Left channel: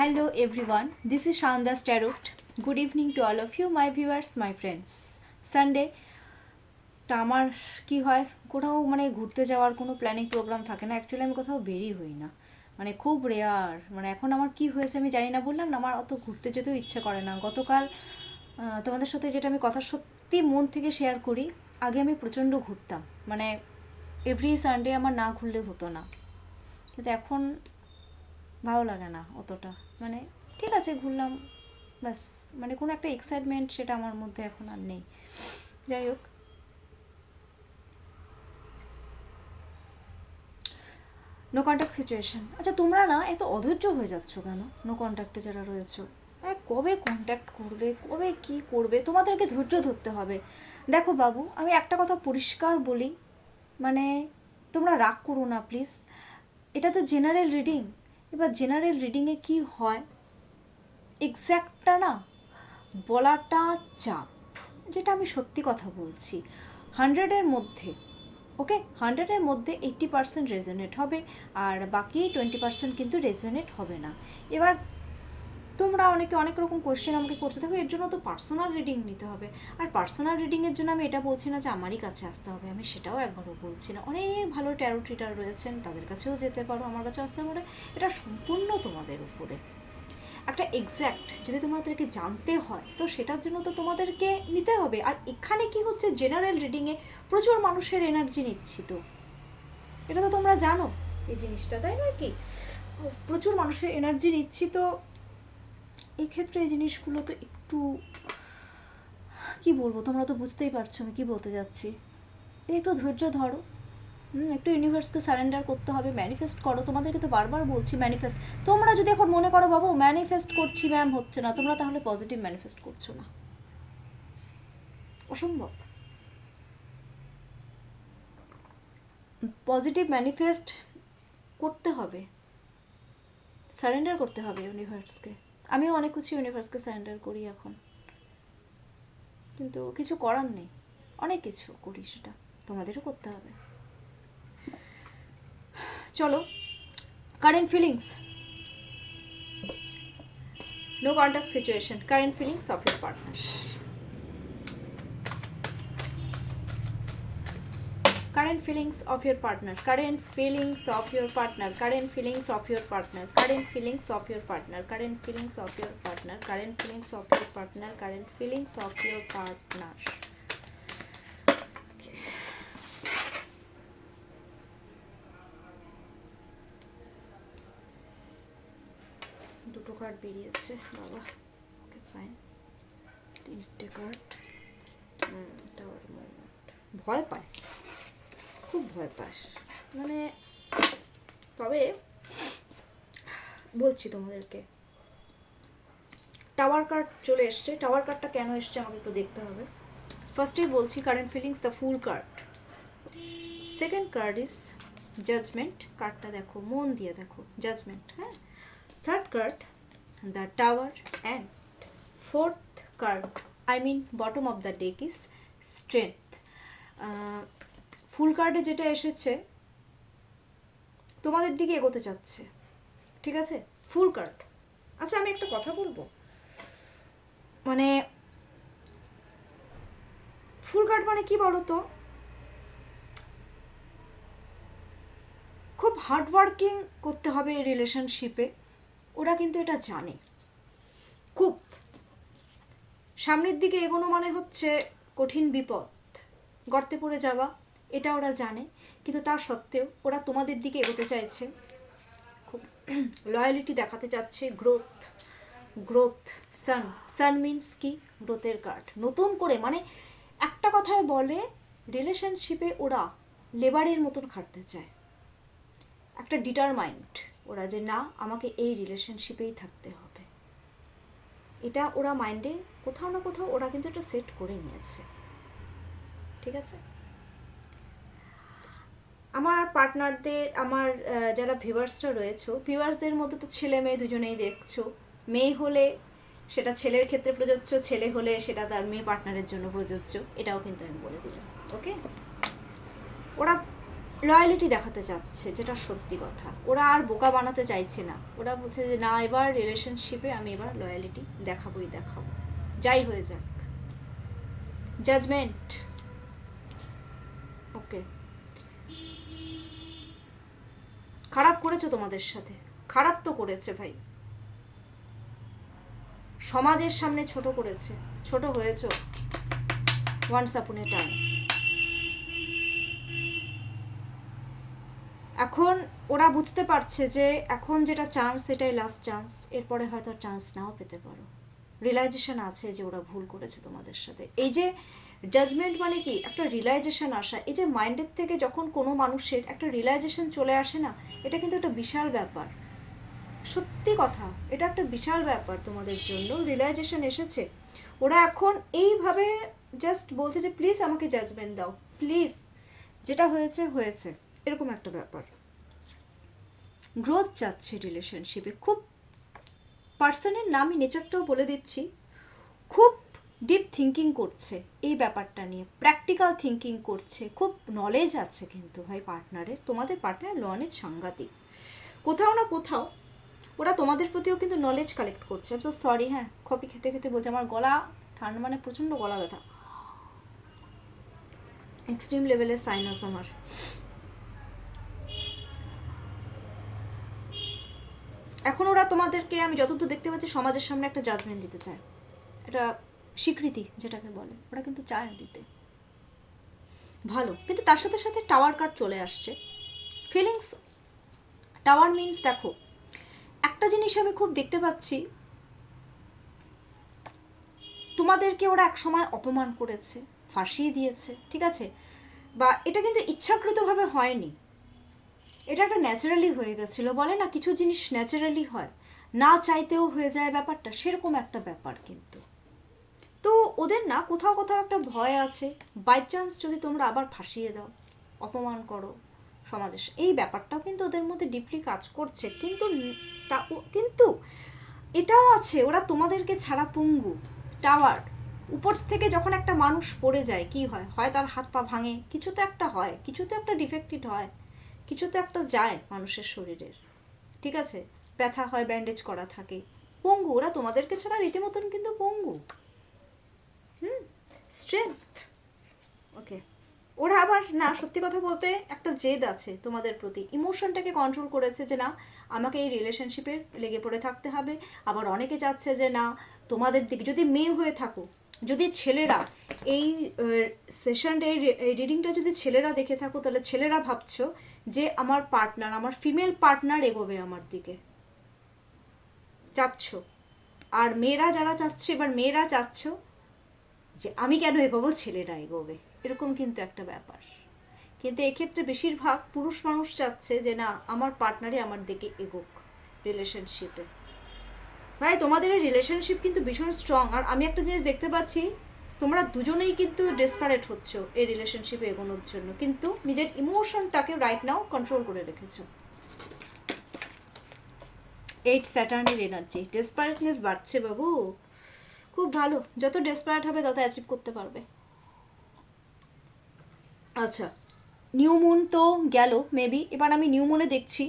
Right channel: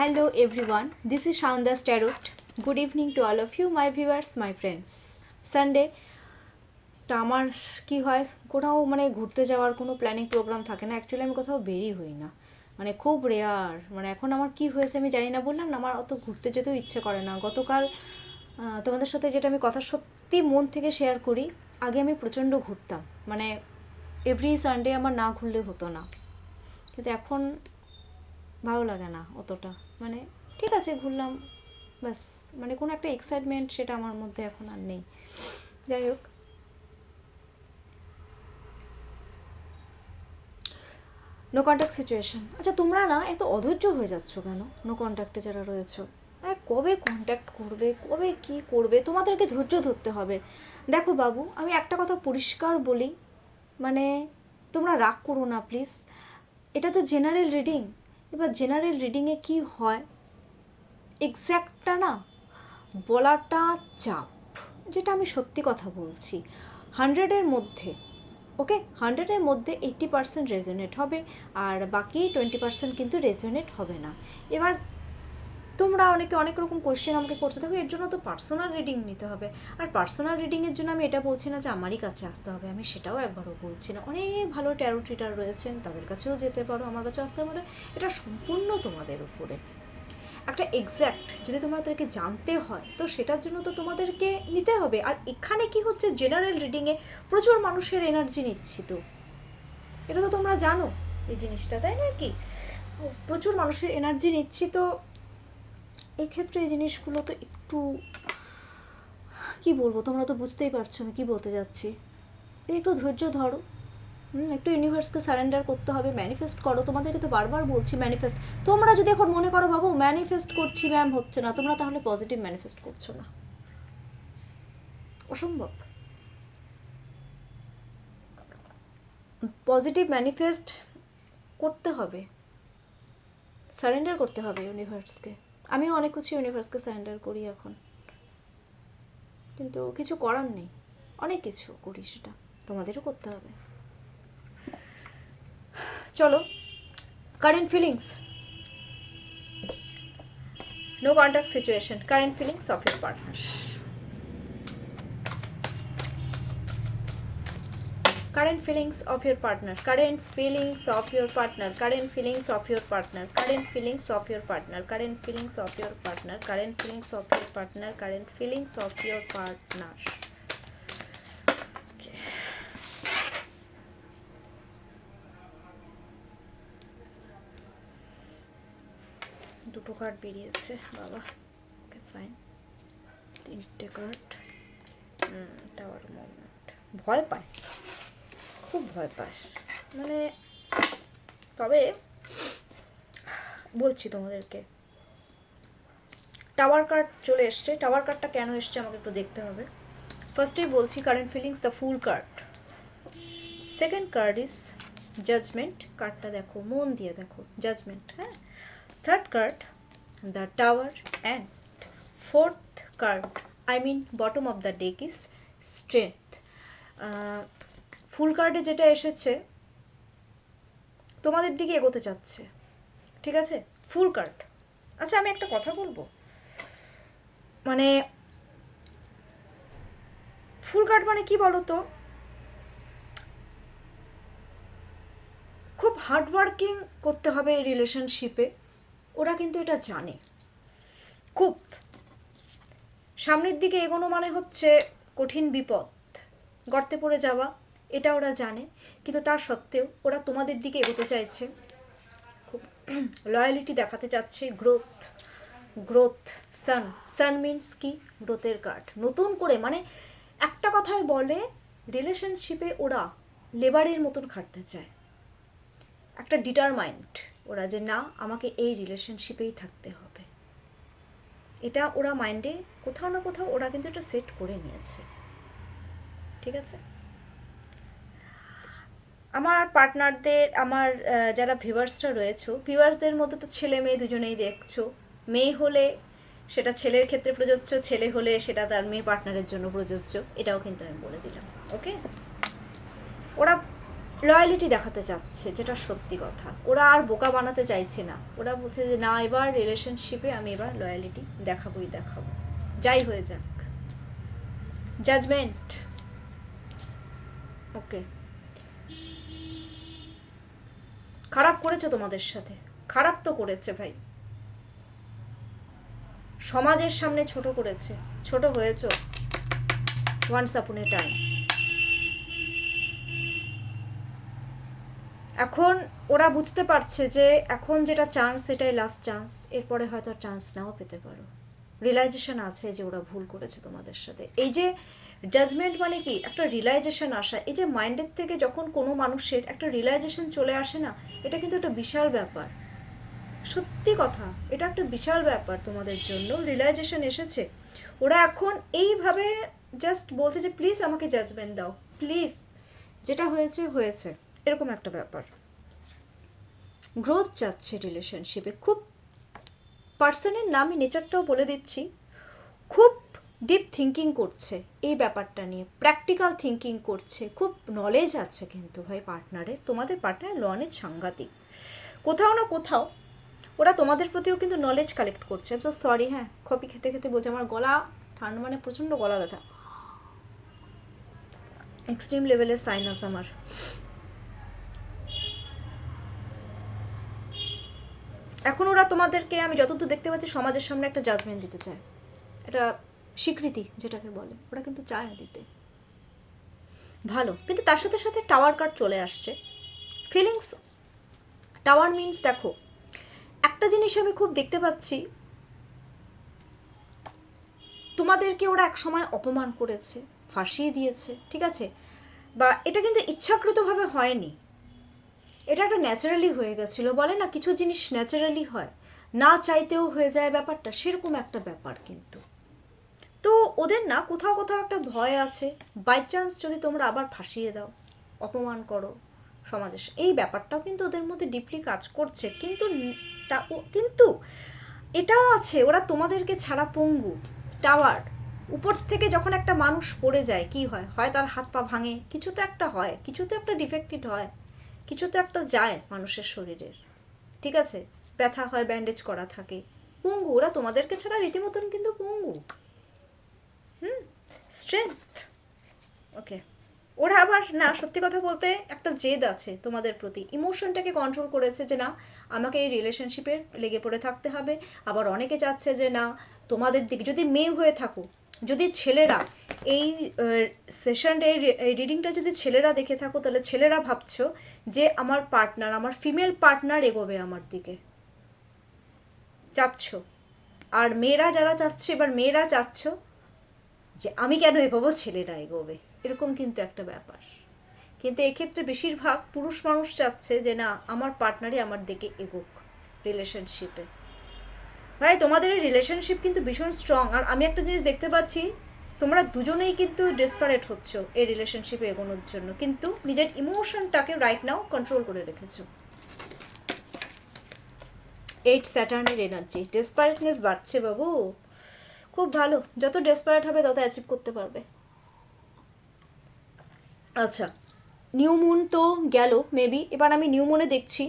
Hello everyone, this is Shanda's Tarot. Good evening to all of you, my viewers, my friends. Sunday টা আমার কি হয়, কোথাও মানে ঘুরতে যাওয়ার কোনো প্ল্যানিং প্রোগ্রাম থাকে না। অ্যাকচুয়ালি আমি কোথাও বেরিয়ে হই না, মানে খুব রেয়ার। মানে এখন আমার কি হয়েছে আমি জানি না, বললাম না আমার অত ঘুরতে যেতেও ইচ্ছে করে না। গতকাল তোমাদের সাথে যেটা আমি কথা সত্যি মন থেকে শেয়ার করি, আগে আমি প্রচণ্ড ঘুরতাম, মানে এভরি সানডে আমার না ঘুরলে হতো না, কিন্তু এখন ভালো লাগে না অতটা। মানে ঠিক আছে ঘুরলাম ব্যাস, মানে কোনো একটা এক্সাইটমেন্ট সেটা আমার মধ্যে এখন আর নেই। যাই হোক, নো কন্ট্যাক্ট সিচুয়েশন। আচ্ছা তোমরা না এত অধৈর্য হয়ে যাচ্ছ কেন? নো কন্ট্যাক্টে যারা রয়েছো, কবে কন্ট্যাক্ট করবে, কবে কি করবে, তোমাদেরকে ধৈর্য ধরতে হবে। দেখো বাবু, আমি একটা কথা পরিষ্কার বলি, মানে তোমরা রাগ করো না প্লিজ, এটা তো জেনারেল রিডিং। এবার জেনারেল রিডিংয়ে কি হয় এক্স্যাক্টটা না বলাটা চাপ, যেটা আমি সত্যি কথা বলছি। 100-এর মধ্যে ওকে, 100-এর মধ্যে 80% রেজোনেট হবে, আর বাকি 20% কিন্তু রেজোনেট হবে না। এবার তোমরা অনেকে অনেক রকম কোয়েশ্চেন আমাকে করতে থাকো, এর জন্য তো পার্সোনাল রিডিং নিতে হবে। আর পার্সোনাল রিডিংয়ের জন্য আমি এটা বলছি না যে আমারই কাছে আসতে হবে, আমি সেটাও একবারও বলছি না। অনেক ভালো ট্যারো রিডার রয়েছেন, তাদের কাছেও যেতে পারো, আমার কাছে আসতে পারো, এটা সম্পূর্ণ তোমাদের উপরে। একটা এক্স্যাক্ট যদি তোমাদেরকে জানতে হয় তো সেটার জন্য তো তোমাদেরকে নিতে হবে। আর এখানে কি হচ্ছে, জেনারেল রিডিংয়ে প্রচুর মানুষের এনার্জি নিচ্ছি, তো এটা তো তোমরা জানো এই জিনিসটা, তাই না? কি প্রচুর মানুষের এনার্জি নিচ্ছি, তো এক্ষেত্রে এই জিনিসগুলো তো একটু কি বলবো, তোমরা তো বুঝতেই পারছো আমি কি বলতে যাচ্ছি। একটু ধৈর্য ধরো, একটু ইউনিভার্সকে সারেন্ডার করতে হবে, ম্যানিফেস্ট করো। তোমাদেরকে তো বারবার বলছি ম্যানিফেস্ট। তোমরা যদি এখন মনে করো বাবু ম্যানিফেস্ট করছি ম্যাম হচ্ছে না, তোমরা তাহলে পজিটিভ ম্যানিফেস্ট করছো না, অসম্ভব। পজিটিভ ম্যানিফেস্ট করতে হবে, সারেন্ডার করতে হবে ইউনিভার্সকে। আমিও অনেক কিছু ইউনিভার্সকে সারেন্ডার করি এখন, কিন্তু কিছু করার নেই, অনেক কিছু করি, সেটা তোমাদেরও করতে হবে। চলো, current feelings, no contact situation, current feelings of your partner. Current feelings of your partner, current feelings of your partner, current feelings of your partner, current feelings of your partner, current feelings of your partner, current feelings of your partner, current feelings of your partner. Okay. দুটো card বেরিয়েছে বাবা, okay fine. তিনটে card, tower movement, ভয় পায়, খুব ভয় pass, মানে তবে বলছি তোমাদেরকে, টাওয়ার কার্ড চলে এসছে। টাওয়ার কার্ডটা কেন এসছে আমাকে একটু দেখতে হবে। ফার্স্টেই বলছি current feelings, the fool card. Second card is judgement, কার্ডটা দেখো, মন দিয়ে দেখো, জাজমেন্ট, হ্যাঁ। Third card the tower, and fourth card, I mean bottom of the deck is strength. Fool কার্ডে যেটা এসেছে তোমাদের দিকে এগোতে চাচ্ছে, ঠিক আছে, ফুল কার্ড। আচ্ছা আমি একটা কথা বলবো, মানে ফুল কার্ড মানে কি বলো তো, খুব হার্ডওয়ার্কিং করতে হবে এই রিলেশনশিপে, ওরা কিন্তু এটা জানে। খুব সামনের দিকে এগোনো মানে হচ্ছে কঠিন বিপদ, গর্তে পড়ে যাওয়া, এটা ওরা জানে। কিন্তু তার সত্ত্বেও ওরা তোমাদের দিকে এগোতে চাইছে, খুব লয়ালিটি দেখাতে চাচ্ছে, গ্রোথ, গ্রোথ। সান, সান মিনস কি, গ্রোথের কার্ড। নতুন করে, মানে একটা কথায় বলে রিলেশনশিপে ওরা লেবারের মতন খাটতে চায়, একটা ডিটারমাইন্ড ওরা, যে না আমাকে এই রিলেশনশিপেই থাকতে হবে, এটা ওরা মাইন্ডে কোথাও না কোথাও ওরা কিন্তু এটা সেট করে নিয়েছে, ঠিক আছে। আমার পার্টনারদের, আমার যারা ভিউয়ার্সরা রয়েছে, ভিউয়ার্সদের মধ্যে তো ছেলে মেয়ে দুজনেই দেখছো। মেয়ে হলে সেটা ছেলের ক্ষেত্রে প্রযোজ্য, ছেলে হলে সেটা তার মেয়ে পার্টনারের জন্য প্রযোজ্য, এটাও কিন্তু আমি বলে দিলাম, ওকে। ওরা লয়ালিটি দেখাতে চাচ্ছে, যেটা সত্যি কথা। ওরা আর বোকা বানাতে চাইছে না, ওরা বলছে যে না, এবার রিলেশনশিপে আমি এবার লয়ালিটি দেখাবোই দেখাবো, যাই হয়ে যাক। জাজমেন্ট। ওকে, খারাপ করেছে তোমাদের সাথে, খারাপ তো করেছে ভাই, সমাজের সামনে ছোট করেছে, ছোট হয়েছ ওয়ান্স আপন এ টাইম। এখন ওরা বুঝতে পারছে যে এখন যেটা চান্স, এটাই লাস্ট চান্স, এরপরে হয়তো আর চান্স নাও পেতে পারো। রিয়েলাইজেশন আছে যে ওরা ভুল করেছে তোমাদের সাথে। এই যে জাজমেন্ট মানে কি, একটা রিয়েলাইজেশন আসা। এই যে মাইন্ডের থেকে যখন কোনো মানুষের একটা রিয়েলাইজেশন চলে আসে না, এটা কিন্তু একটা বিশাল ব্যাপার, সত্যি কথা, এটা একটা বিশাল ব্যাপার তোমাদের জন্য। রিয়েলাইজেশন এসেছে, ওরা এখন এইভাবে জাস্ট বলছে যে প্লিজ আমাকে জাজমেন্ট দাও, প্লিজ, যেটা হয়েছে হয়েছে, এরকম একটা ব্যাপার। গ্রোথ চাচ্ছে রিলেশনশিপে, খুব পার্সনের নামই নেচারটাও বলে দিচ্ছি, খুব ডিপ থিঙ্কিং করছে এই ব্যাপারটা নিয়ে, প্র্যাকটিক্যাল থিঙ্কিং করছে, খুব নলেজ আছে কিন্তু ভাই পার্টনারের, তোমাদের পার্টনার নলেজ সাংঘাতিক। কোথাও না কোথাও ওরা তোমাদের প্রতিও কিন্তু নলেজ কালেক্ট করছে। তো সরি, হ্যাঁ, কফি খেতে খেতে বলছে, আমার গলা ঠান্ডা, মানে প্রচণ্ড গলা ব্যথা, এক্সট্রিম লেভেলের সাইনাস আমার। এখন ওরা তোমাদেরকে, আমি যতদূর দেখতে পাচ্ছি, সমাজের সামনে একটা জাজমেন্ট দিতে চায়, এটা স্বীকৃতি যেটাকে বলে, ওরা কিন্তু চায় দিতে, ভালো। কিন্তু তার সাথে সাথে টাওয়ার কার্ড চলে আসছে, ফিলিংস। টাওয়ার মিনস, দেখো একটা জিনিস আমি খুব দেখতে পাচ্ছি, তোমাদেরকে ওরা এক সময় অপমান করেছে, ফাঁসিয়ে দিয়েছে, ঠিক আছে, বা এটা কিন্তু ইচ্ছাকৃতভাবে হয়নি, এটা একটা ন্যাচারালি হয়ে গেছিলো, বলে না কিছু জিনিস ন্যাচারালি হয়, না চাইতেও হয়ে যায় ব্যাপারটা, সেরকম একটা ব্যাপার কিন্তু। তো ওদের না কোথাও কোথাও একটা ভয় আছে, বাই চান্স যদি তোমরা আবার ফাঁসিয়ে দাও, অপমান করো সমাজে, এই ব্যাপারটাও কিন্তু ওদের মধ্যে ডিপলি কাজ করছে। কিন্তু এটাও আছে, ওরা তোমাদেরকে ছাড়া পঙ্গু। টাওয়ার, উপর থেকে যখন একটা মানুষ পড়ে যায় কি হয়, হয় তার হাত পা ভাঙে, কিছু তো একটা হয়, কিছু তো একটা ডিফেক্টেড হয়, কিছু তো একটা যায় মানুষের শরীরের, ঠিক আছে, ব্যথা হয়, ব্যান্ডেজ করা থাকে, পঙ্গু। ওরা তোমাদেরকে ছাড়া রীতিমতন কিন্তু পঙ্গু। স্ট্রেংথ। ওকে, ওরা আবার না, সত্যি কথা বলতে একটা জেদ আছে তোমাদের প্রতি, ইমোশনটাকে কন্ট্রোল করেছে যে না, আমাকে এই রিলেশনশিপে লেগে পড়ে থাকতে হবে। আবার অনেকে চাচ্ছে যে না, তোমাদের দিকে যদি মেয়ে হয়ে থাকো, যদি ছেলেরা এই সেশনটা, এই রিডিংটা যদি ছেলেরা দেখে থাকো, তাহলে ছেলেরা ভাবছো যে আমার পার্টনার, আমার ফিমেল পার্টনার এগোবে আমার দিকে, চাচ্ছ। আর মেয়েরা যারা চাচ্ছে, এবার মেয়েরা চাচ্ছ যে আমি কেন এগোবো, ছেলেরা এগোবে, এরকম কিন্তু একটা ব্যাপার। কিন্তু এক্ষেত্রে বেশিরভাগ পুরুষ মানুষ চাচ্ছে যে না, আমার পার্টনারই আমার দিকে এগোক রিলেশনশিপে। ভাই তোমাদের এই রিলেশনশিপ কিন্তু ভীষণ স্ট্রং। আর আমি একটা জিনিস দেখতে পাচ্ছি, তোমরা দুজনেই কিন্তু ডেসপারেট হচ্ছ এই রিলেশনশিপে এগোনোর জন্য, কিন্তু নিজের ইমোশনটাকে রাইট নাও কন্ট্রোল করে রেখেছো। 8 স্যাটার্নের এনার্জি, ডেসপারেটনেস বাড়ছে বাবু, খুব ভালো, যত ডেসপারেট হবে তত অ্যাচিভ করতে পারবে। আচ্ছা, নিউ মুন তো গেল মেবি, এবার আমি নিউ মুনে দেখছি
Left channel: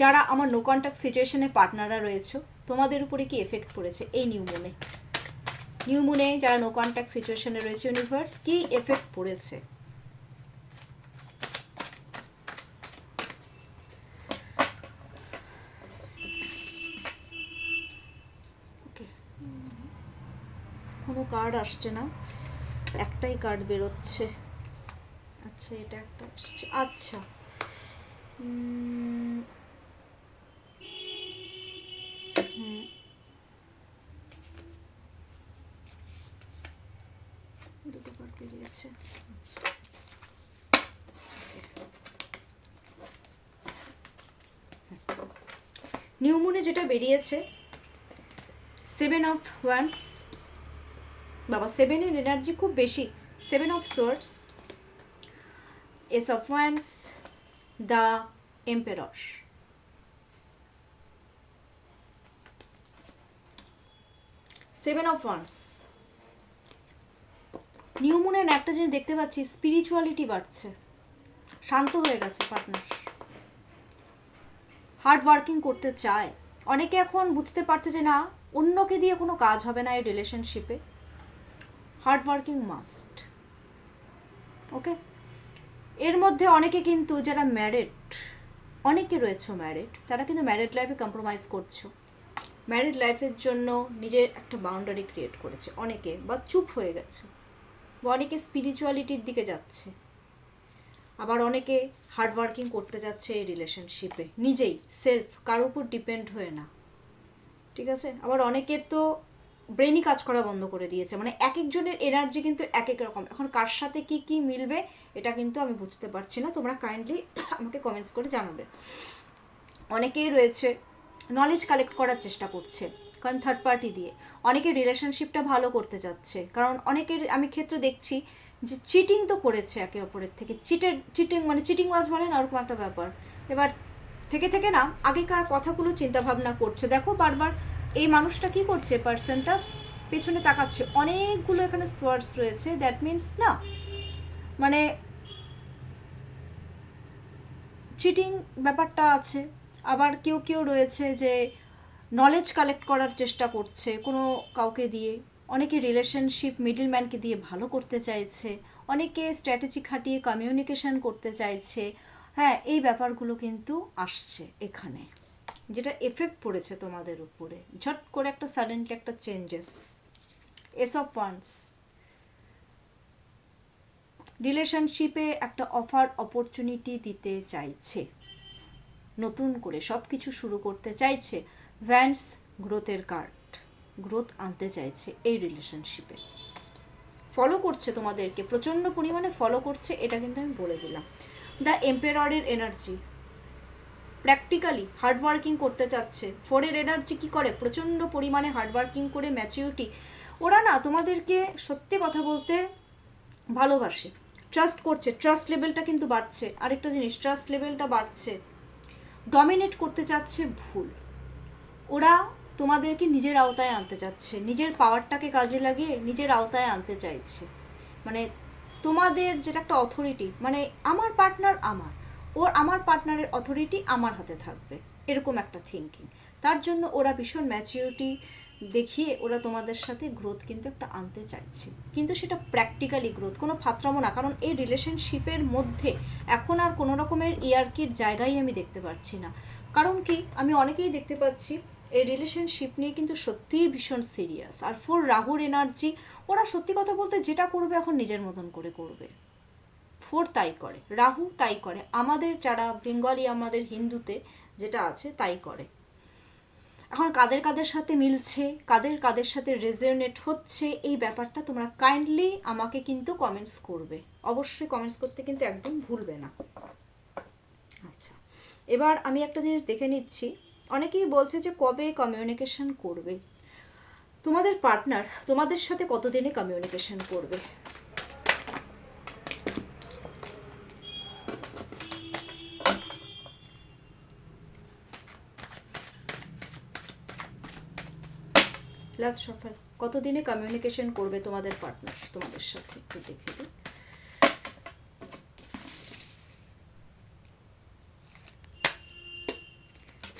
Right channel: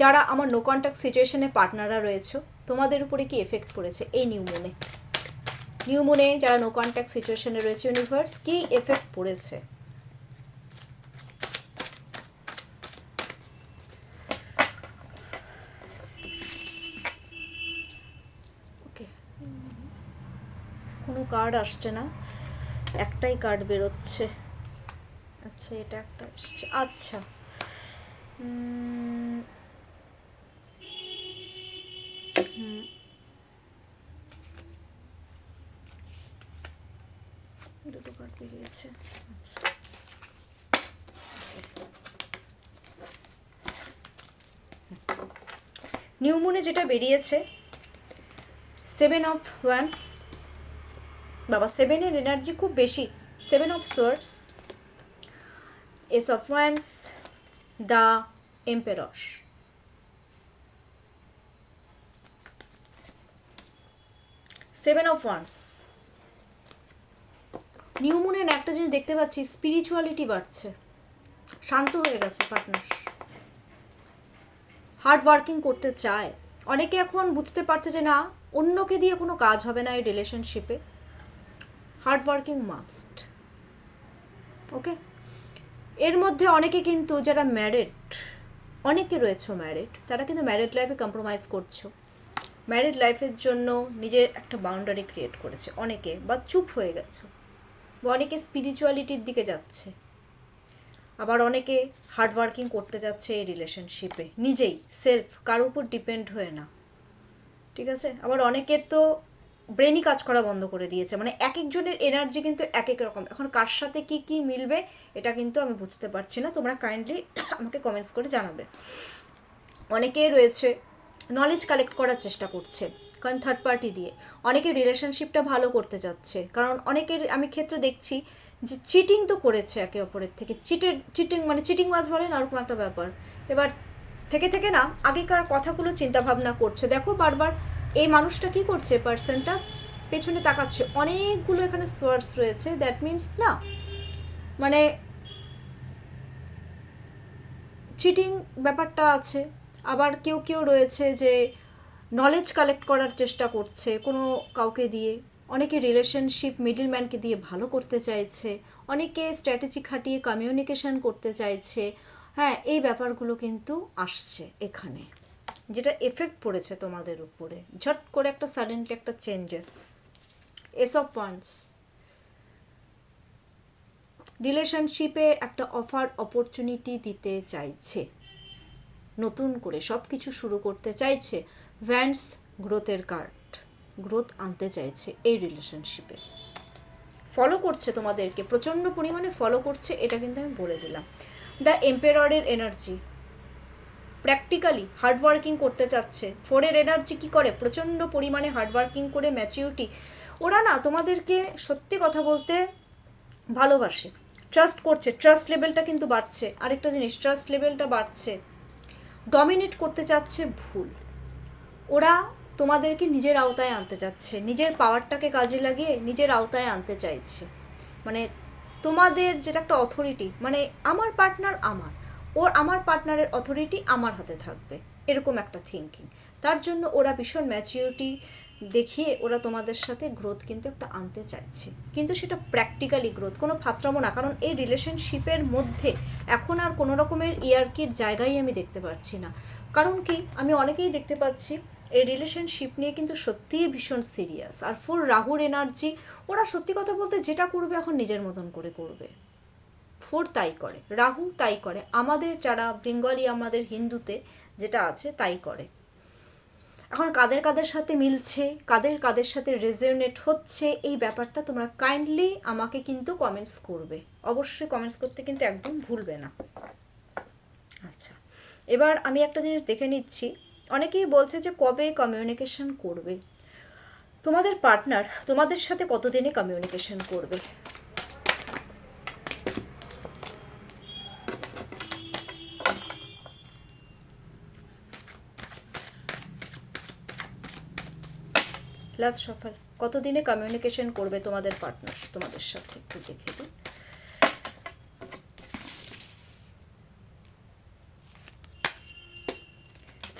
যারা আমার নো কন্ট্যাক্ট সিচুয়েশনে পার্টনাররা রয়েছে, তোমাদের উপরে কি এফেক্ট পড়েছে এই নিউ মুনে। নিউ মুনে যারা নো কন্ট্যাক্ট সিচুয়েশনে রয়েছে, ইউনিভার্স কি এফেক্ট পড়েছে। ওকে, কোনো কার্ড আসছে না, একটাই কার্ড বেরোচ্ছে। আচ্ছা, এটা একটা আসছে। আচ্ছা, দুটো কার্ড বেরিয়েছে। আচ্ছা, নিউ মুনে যেটা বেরিয়েছে, 7 অফ ওয়ান্স, বাবা 7-এর এনার্জি খুব বেশি, 7 of swords, ace of wands, the emperor. Seven of wands, new মুনের একটা জিনিস দেখতে পাচ্ছি, স্পিরিচুয়ালিটি বাড়ছে, শান্ত হয়ে গেছে পার্টনার, হার্ড ওয়ার্কিং করতে চায়। অনেকে এখন বুঝতে পারছে যে না, অন্যকে দিয়ে কোনো কাজ হবে না এই রিলেশনশিপে, হার্ড ওয়ার্কিং মাস্ট। ওকে, এর মধ্যে অনেকে কিন্তু যারা ম্যারিড, অনেকে রয়েছে ম্যারিড, তারা কিন্তু ম্যারিড লাইফে কম্প্রোমাইজ করছো, ম্যারিড লাইফের জন্য নিজের একটা বাউন্ডারি ক্রিয়েট করেছে অনেকে, বা চুপ হয়ে গেছো, বা অনেকে স্পিরিচুয়ালিটির দিকে যাচ্ছে, আবার অনেকে হার্ড ওয়ার্কিং করতে যাচ্ছে এই রিলেশনশিপে নিজেই, সেলফ, কারোর উপর ডিপেন্ড হয়ে না। ঠিক আছে, আবার অনেকের তো ব্রেনই কাজ করা বন্ধ করে দিয়েছে, মানে এক একজনের এনার্জি কিন্তু এক এক রকম। এখন কার সাথে কি কি মিলবে এটা কিন্তু আমি বুঝতে পারছি না, তোমরা কাইন্ডলি আমাকে কমেন্টস করে জানাবে। অনেকেই রয়েছে নলেজ কালেক্ট করার চেষ্টা করছে, কারণ থার্ড পার্টি দিয়ে অনেকে রিলেশনশিপটা ভালো করতে যাচ্ছে, কারণ অনেকের আমি ক্ষেত্রে দেখছি যে চিটিং তো করেছে একে অপরের থেকে, চিটিং মানে চিটিং ওয়াজ বলে না, ওরকম একটা ব্যাপার। এবার থেকে থেকে না আগেকার কথাগুলো চিন্তা ভাবনা করছে। দেখো বারবার এই মানুষটা কি করছে, পার্সনটা পেছনে তাকাচ্ছে, অনেকগুলো এখানে সোর্স রয়েছে, দ্যাট মিনস না মানে চিটিং ব্যাপারটা আছে। আবার কেউ কেউ রয়েছে যে নলেজ কালেক্ট করার চেষ্টা করছে কোনো কাউকে দিয়ে, অনেকে রিলেশনশিপ মিডলম্যানকে দিয়ে ভালো করতে চাইছে, অনেকে স্ট্র্যাটেজি খাটিয়ে কমিউনিকেশন করতে চাইছে। হ্যাঁ, এই ব্যাপারগুলো কিন্তু আসছে এখানে, যেটা এফেক্ট পড়েছে তোমাদের উপরে, ঝট করে একটা সাডেনলি একটা চেঞ্জেস। এস অফ ওয়ান্স রিলেশনশিপে একটা অফার অপরচুনিটি দিতে চাইছে, নতুন করে সব কিছু শুরু করতে চাইছে। ভ্যান্স গ্রোথের কার্ড, গ্রোথ আনতে চাইছে এই রিলেশনশিপে, ফলো করছে তোমাদেরকে, প্রচণ্ড পরিমাণে ফলো করছে, এটা কিন্তু আমি বলে দিলাম। দ্য এম্পেররের এনার্জি, প্র্যাকটিক্যালি হার্ডওয়ার্কিং করতে চাচ্ছে। ফোরের এনার্জি কি করে, প্রচণ্ড পরিমাণে হার্ডওয়ার্কিং করে ম্যাচিউরিটি, ওরা না তোমাদেরকে সত্যি কথা বলতে ভালোবাসে, ট্রাস্ট করছে, ট্রাস্ট লেভেলটা কিন্তু বাড়ছে। আরেকটা জিনিস, ট্রাস্ট লেভেলটা বাড়ছে। ডমিনেট করতে চাচ্ছে ভুল, ওরা তোমাদেরকে নিজের আওতায় আনতে চাচ্ছে, নিজের পাওয়ারটাকে কাজে লাগিয়ে নিজের আওতায় আনতে চাইছে। মানে তোমাদের যেটা একটা অথরিটি, মানে আমার পার্টনার আমার, ওর আমার পার্টনারের অথরিটি আমার হাতে থাকবে, এরকম একটা থিঙ্কিং। তার জন্য ওরা ভীষণ ম্যাচিউরিটি দেখিয়ে ওরা তোমাদের সাথে গ্রোথ কিন্তু একটা আনতে চাইছে, কিন্তু সেটা প্র্যাকটিক্যালি গ্রোথ, কোনো ফাতরামো না। কারণ এই রিলেশনশিপের মধ্যে এখন আর কোনো রকমের ইয়ার্কির জায়গায় আমি দেখতে পাচ্ছি না। কারণ কি, আমি অনেকেই দেখতে পাচ্ছি এই রিলেশনশিপ নিয়ে কিন্তু সত্যিই ভীষণ সিরিয়াস। আর ফোর রাহুর এনার্জি, ওরা সত্যি কথা বলতে যেটা করবে এখন নিজের মতন করে করবে। ফোর তাই করে, রাহু তাই করে, আমাদের যারা বেঙ্গলি, আমাদের হিন্দুতে যেটা আছে তাই করে। এখন কাদের কাদের সাথে মিলছে, কাদের কাদের সাথে রেজোনেট হচ্ছে, এই ব্যাপারটা তোমরা কাইন্ডলি আমাকে কিন্তু কমেন্টস করবে, অবশ্যই কমেন্টস করতে কিন্তু একদম ভুলবে না। আচ্ছা, এবার আমি একটা জিনিস দেখে নিচ্ছি, অনেকেই বলছে যে কবে কমিউনিকেশন করবে তোমাদের পার্টনার, তোমাদের সাথে কতদিনে কমিউনিকেশন করবে। লাস্ট সফল, কতদিনে কমিউনিকেশন করবে তোমাদের পার্টনার তোমাদের সাথে, একটু দেখে দিই।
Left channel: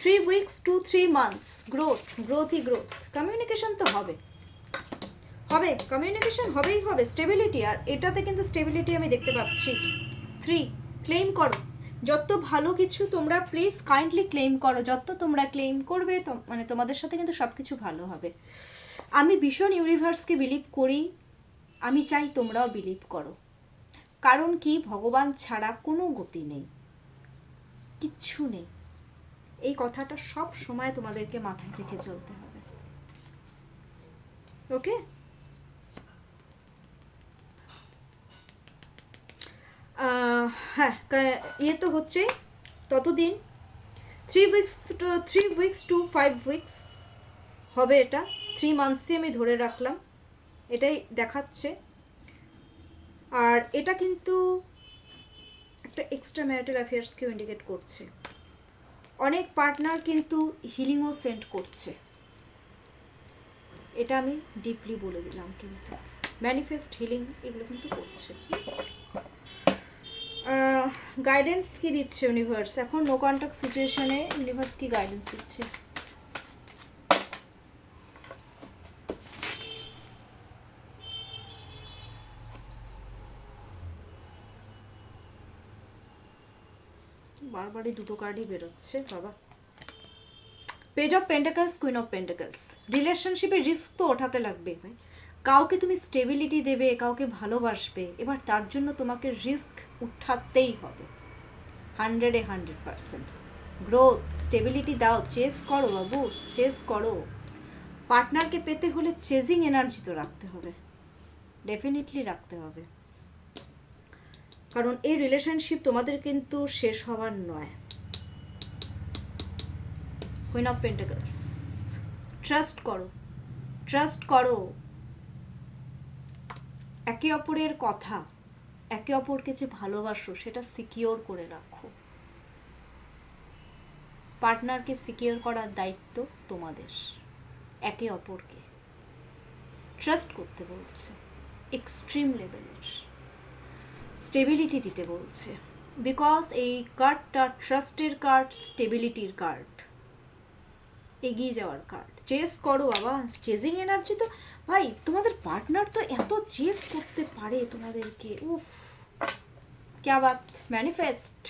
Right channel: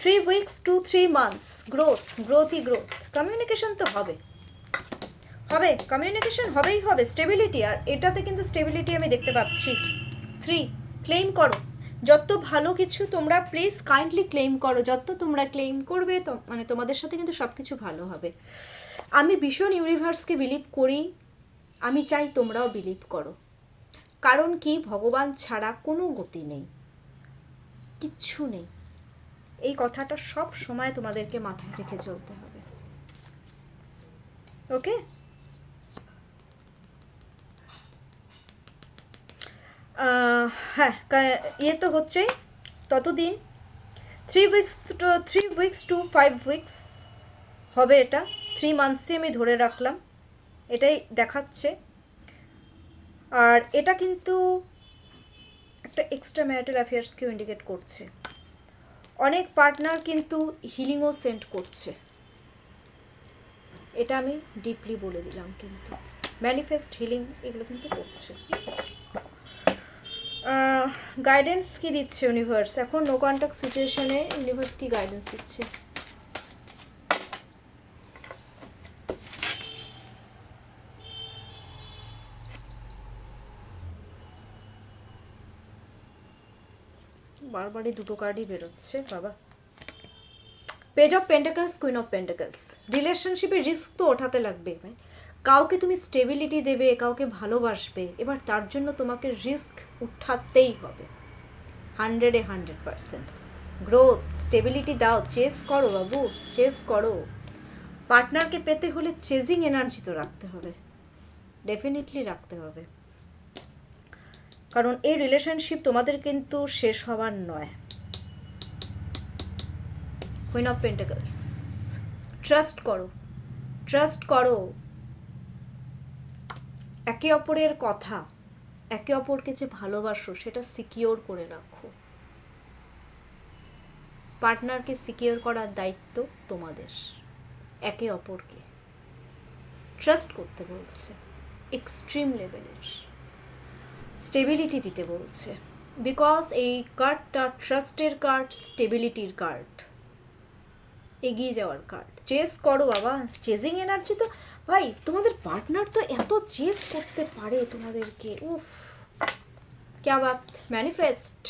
Three weeks to 3 months, growth, গ্রোথই গ্রোথ। কমিউনিকেশন তো হবে, হবে কমিউনিকেশন হবেই হবে। স্টেবিলিটি, আর এটাতে কিন্তু স্টেবিলিটি আমি দেখতে পাচ্ছি। 3, ক্লেম করো, যত ভালো কিছু তোমরা প্লিজ কাইন্ডলি ক্লেম করো, যত তোমরা ক্লেম করবে তো মানে তোমাদের সাথে কিন্তু সব কিছু ভালো হবে। আমি ভীষণ ইউনিভার্সকে বিলিভ করি, আমি চাই তোমরাও বিলিভ করো। কারণ কি, ভগবান ছাড়া কোনো গতি নেই, কিচ্ছু নেই। এই কথাটা সব সময় তোমাদেরকে মাথায় রেখে চলতে হবে। ওকে, হ্যাঁ, ইয়ে তো হচ্ছে ততদিন 3 উইকস টু 5 উইকস হবে, এটা 3 মান্থসই আমি ধরে রাখলাম, এটাই দেখাচ্ছে। আর এটা কিন্তু একটা এক্সট্রা ম্যারিটাল অ্যাফেয়ার্সকেও ইন্ডিকেট করছে। অনেক পার্টনার কিন্তু হিলিংও সেন্ড করছে, এটা আমি ডিপলি বলে দিলাম। কিন্তু ম্যানিফেস্ট, হিলিং এগুলো কিন্তু করছে। গাইডেন্স কি দিচ্ছে ইউনিভার্স এখন নো কন্ট্যাক্ট সিচুয়েশনে? ইউনিভার্স কি গাইডেন্স দিচ্ছে? বারবারই দুটো কার্ডই বেরোচ্ছে বাবা। Page of pentacles, queen of pentacles. রিলেশনশিপে রিস্ক তো ওঠাতে লাগবে ভাই। কাউকে তুমি স্টেবিলিটি দেবে, কাউকে ভালোবাসবে, এবার তার জন্য তোমাকে রিস্ক উঠাতেই হবে 100% গ্রোথ স্টেবিলিটি দাও, চেস করো বাবু, চেস করো। পার্টনারকে পেতে হলে চেজিং এনার্জি তো রাখতে হবে, ডেফিনেটলি রাখতে হবে, কারণ এই রিলেশনশিপ তোমাদের কিন্তু শেষ হওয়ার নয়। Queen of pentacles. ট্রাস্ট করো, ট্রাস্ট করো। একে অপরের কথা, একে অপরকে যে ভালোবাসো সেটা সিকিওর করে রাখো। পার্টনারকে সিকিওর করার দায়িত্ব তোমাদের। একে অপরকে ট্রাস্ট করতে বলছে, এক্সট্রিম লেভেলের স্টেবিলিটি দিতে বলছে, বিকজ এই কার্ডটা ট্রাস্টের কার্ড, স্টেবিলিটির কার্ড, এগিয়ে যাওয়ার কার্ড। চেস করো বাবা, চেজিং এনার্জি তো ভাই তোমাদের পার্টনার তো এত চেস করতে পারে তোমাদেরকে, উফ ক্যা বাত। ম্যানিফেস্ট,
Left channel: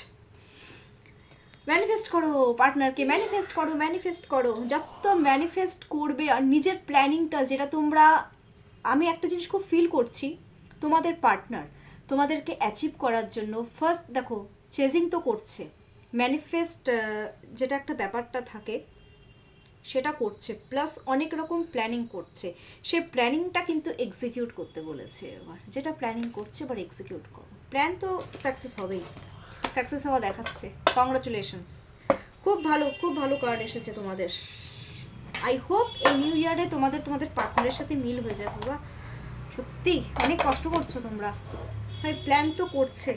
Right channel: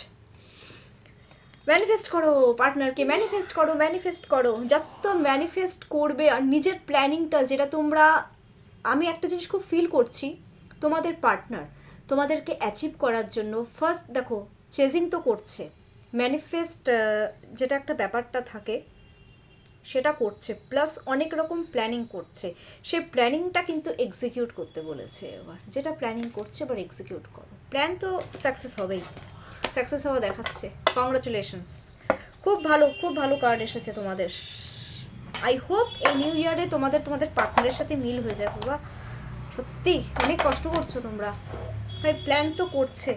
ম্যানিফেস্ট করো পার্টনারকে, ম্যানিফেস্ট করো, ম্যানিফেস্ট করো। যত ম্যানিফেস্ট করবে আর নিজের প্ল্যানিংটা যেটা তোমরা, আমি একটা জিনিস খুব ফিল করছি, তোমাদের পার্টনার তোমাদেরকে অ্যাচিভ করার জন্য ফার্স্ট দেখো চেজিং তো করছে, ম্যানিফেস্ট যেটা একটা ব্যাপারটা থাকে সেটা করছে, প্লাস অনেক রকম প্ল্যানিং করছে। সেই প্ল্যানিংটা কিন্তু এক্সিকিউট করতে বলেছে এবার, যেটা প্ল্যানিং করছে এবার এক্সিকিউট করো। প্ল্যান তো সাকসেস হবেই, সাকসেস হওয়া দেখাচ্ছে। কংগ্রাচুলেশনস, খুব ভালো, খুব ভালো কার্ড এসেছে তোমাদের। আই হোপ এই নিউ ইয়ারে তোমাদের পার্টনারের সাথে মিল হয়ে যায় বাবা। সত্যি অনেক কষ্ট করছো তোমরা ভাই, প্ল্যান তো করছে,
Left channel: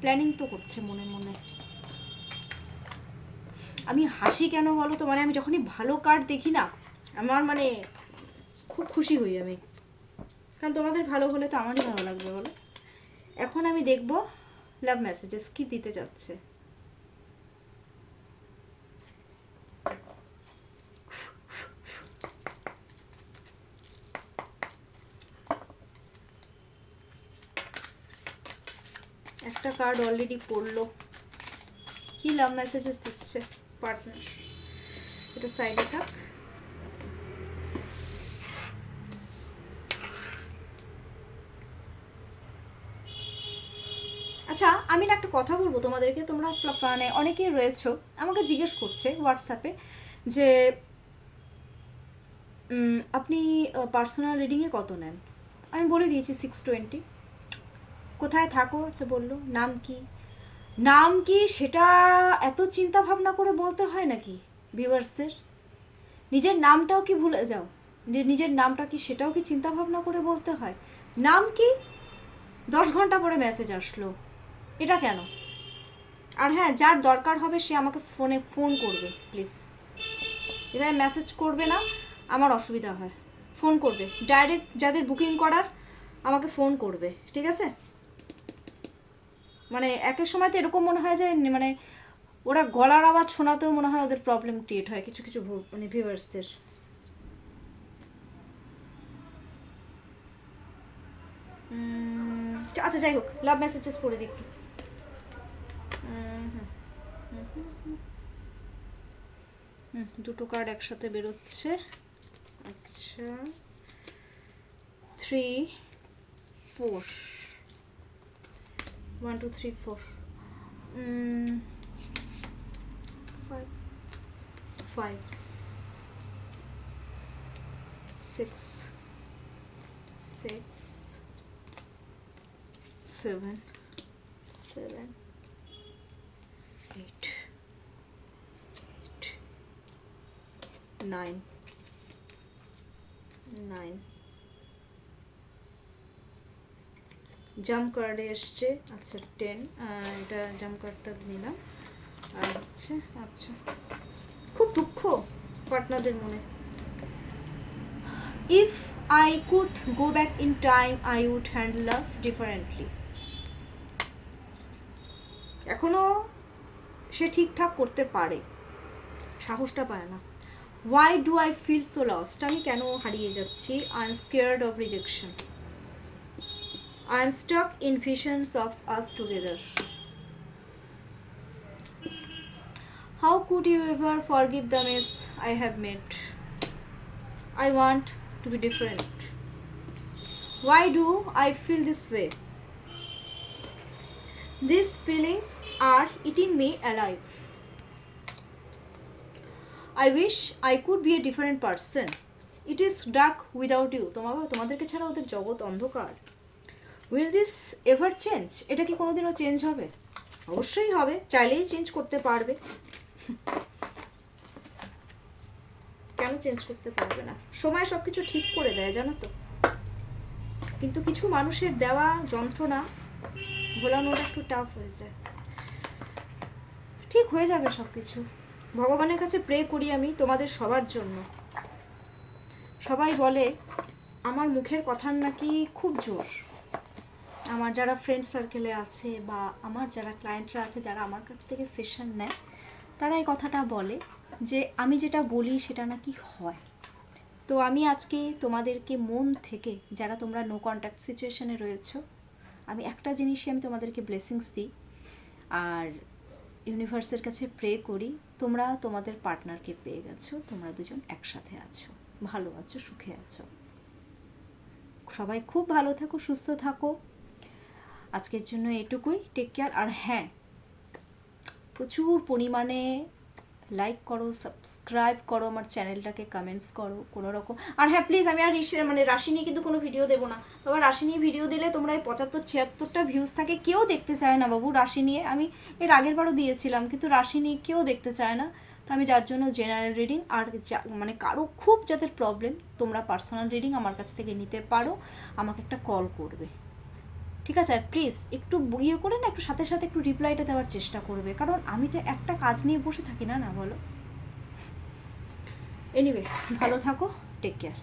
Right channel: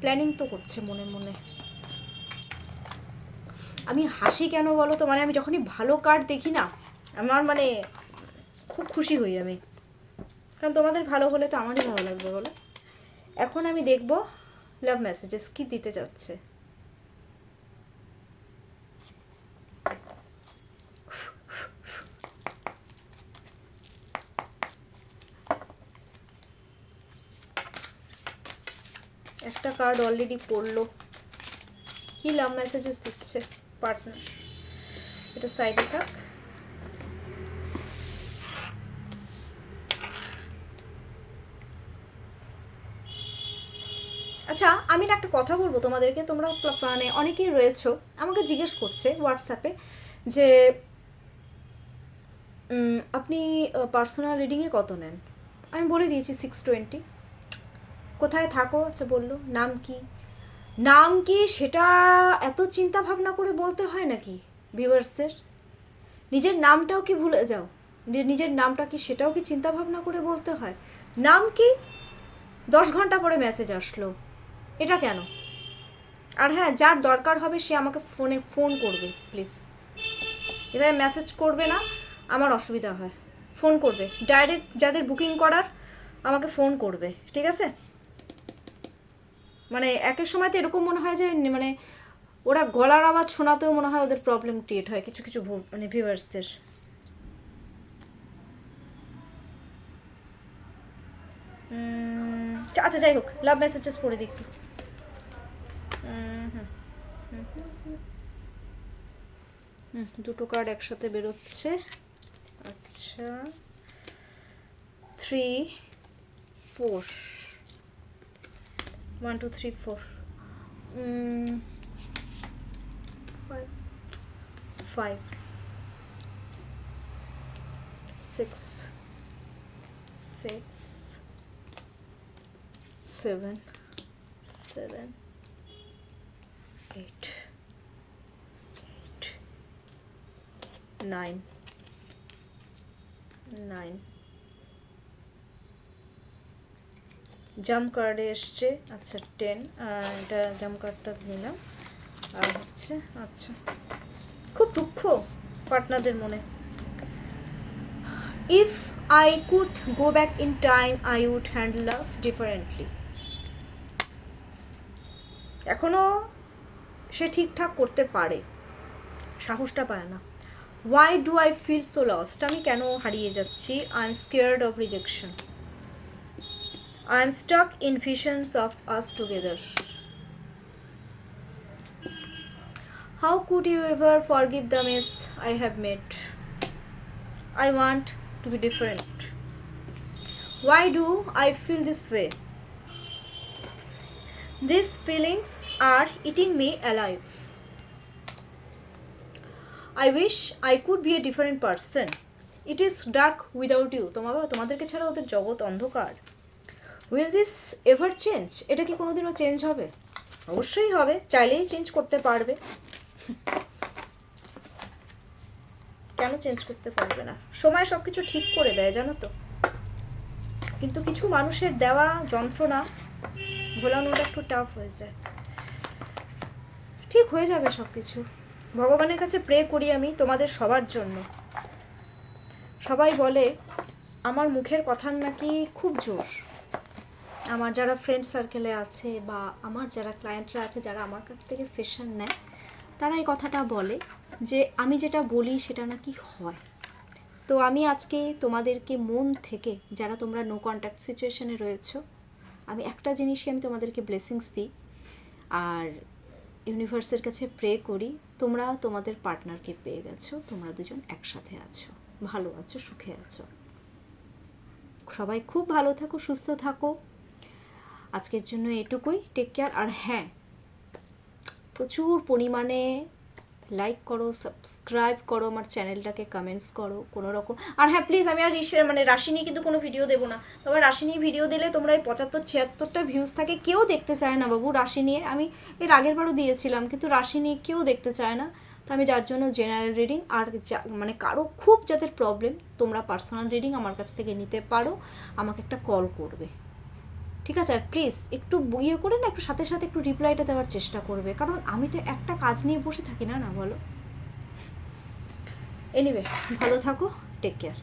প্ল্যানিং তো করছে মনে মনে। আমি হাসি কেন বলো তো, মানে আমি যখনই ভালো কার্ড দেখি না আমার মানে খুব খুশি হই আমি, কারণ তোমাদের ভালো হলে তো আমারই ভালো লাগবে বলো। এখন আমি দেখব লাভ মেসেজেস কি দিতে যাচ্ছে। একটা কার্ড অলরেডি পড়লো, কি লাভ মেসেজেস দিচ্ছে পার্টনার, এটা সাইডে থাক। আচ্ছা আমি না একটা কথা বলবো তোমাদেরকে, তোমরা মানে অনেকেই রয়েছো আমাকে জিজ্ঞেস করছে হোয়াটসঅ্যাপে যে আপনি পার্সোনাল রিডিংয়ে কত নেন। আমি বলে দিয়েছি 620। কোথায় থাকো, আচ্ছা বললো, নাম কি, নাম কি সেটা এত চিন্তা ভাবনা করে বলতে হয় নাকি ভিউয়ার্সের? নিজের নামটাও কি ভুলে যাও, নিজের নামটা কি সেটাও কি চিন্তা ভাবনা করে বলতে হয়? নাম কি 10 ঘন্টা পরে মেসেজ আসলো, এটা কেন? আর হ্যাঁ, যার দরকার হবে সে আমাকে ফোন করবে প্লিজ, এভাবে মেসেজ করবে না, আমার অসুবিধা হয়। ফোন করবে ডাইরেক্ট, যাদের বুকিং করার আমাকে ফোন করবে, ঠিক আছে? মানে একের সময় তো এরকম মনে হয় যে মানে ওরা গলার আওয়াজ শোনাতেও মনে হয় ওদের প্রবলেম ক্রিয়েট হয় কিছু কিছু মানে ভিউয়ার্সদের। আচ্ছা যাই হোক, লাভ মেসেজেস পড়ে দেখি। দুটো কার্ড একসাথে বেরোচ্ছে। আচ্ছা 3 4 1 2 3 4 5 6 7 8 9 জাম্প কার্ডে এসছে। আচ্ছা 10, এটা জাম্প কার্ডটা নিলাম। আর হচ্ছে আচ্ছা খুব দুঃখ পার্টনারদের মনে। If I could go back in time, I would handle us differently. এখনো সে ঠিকঠাক করতে পারে, সাহসটা পায় না। Why do I feel so lost? আমি কেন হারিয়ে যাচ্ছি? I am scared of rejection. I am stuck in visions of us together. How could you ever forgive the mess I have made? I want to be different. Why do I feel this way? These feelings are eating me alive. I wish I could be a different person. It is dark without you. তোমাদেরকে ছাড়া ওদের জগৎ অন্ধকার। Will this ever change? এটা কি কোনোদিনও change হবে? অবশ্যই হবে, চাইলেই চেঞ্জ করতে পারবে। কেন চেঞ্জ করতে পারবে না? সময় সব কিছু ঠিক করে দেয়, জানো তো। কিন্তু কিছু মানুষের দেওয়া যন্ত্রণা ভোলানোটা একটু টাফ হয়ে যায়। ঠিক হয়ে যাবে সব কিছু। ভগবানের কাছে প্রে করি আমি তোমাদের সবার জন্য। সবাই বলে আমার মুখের কথার নাকি খুব জোর। আমার যারা ফ্রেন্ড সার্কেলে আছে বা আমার যারা ক্লায়েন্টরা আছে, যারা আমার কাছ থেকে সেশন নেয়, তারা এই কথাটা বলে যে আমি যেটা বলি সেটা নাকি হয়। তো আমি আজকে তোমাদেরকে মন থেকে, যারা তোমরা নো কন্ট্যাক্ট সিচুয়েশনে রয়েছো, আমি একটা জিনিসই আমি তোমাদেরকে ব্লেসিংস দিই আর ইউনিভার্সের কাছে প্রে করি, তোমরা তোমাদের পার্টনারকে পেয়ে গেছো, তোমরা দুজন একসাথে আছো, ভালো আছো, সুখে আছো। সবাই খুব ভালো থাকো, সুস্থ থাকো। আজকের জন্য এটুকুই। Take care. আর হ্যাঁ, প্রচুর পরিমাণে লাইক করো, সাবস্ক্রাইব করো আমার চ্যানেলটাকে, কমেন্টস করো কোনো রকম। আর হ্যাঁ প্লিজ, আমি আর রাশি নিয়ে কিন্তু কোনো ভিডিও দেবো না বাবা। রাশি নিয়ে ভিডিও দিলে তোমরা এই 75-76টা ভিউজ থাকে, কেউ দেখতে চায় না বাবু রাশি নিয়ে। আমি এর আগের বারও দিয়েছিলাম, কিন্তু রাশি নিয়ে কেউ দেখতে চায় না। তো আমি যার জন্য জেনারেল রিডিং, আর কারো খুব যাদের প্রবলেম, তোমরা পার্সোনাল রিডিং আমার কাছ থেকে নিতে পারো, আমাকে একটা কল করবে, ঠিক আছে? আর প্লিজ একটু ইয়ে করে না, একটু সাথে সাথে একটু রিপ্লাইটা দেওয়ার চেষ্টা করবে, কারণ আমি তো একটা কাজ নিয়ে বসে থাকি না, না বলো? এনিওয়ে, ভালো থাকো, টেক কেয়ার।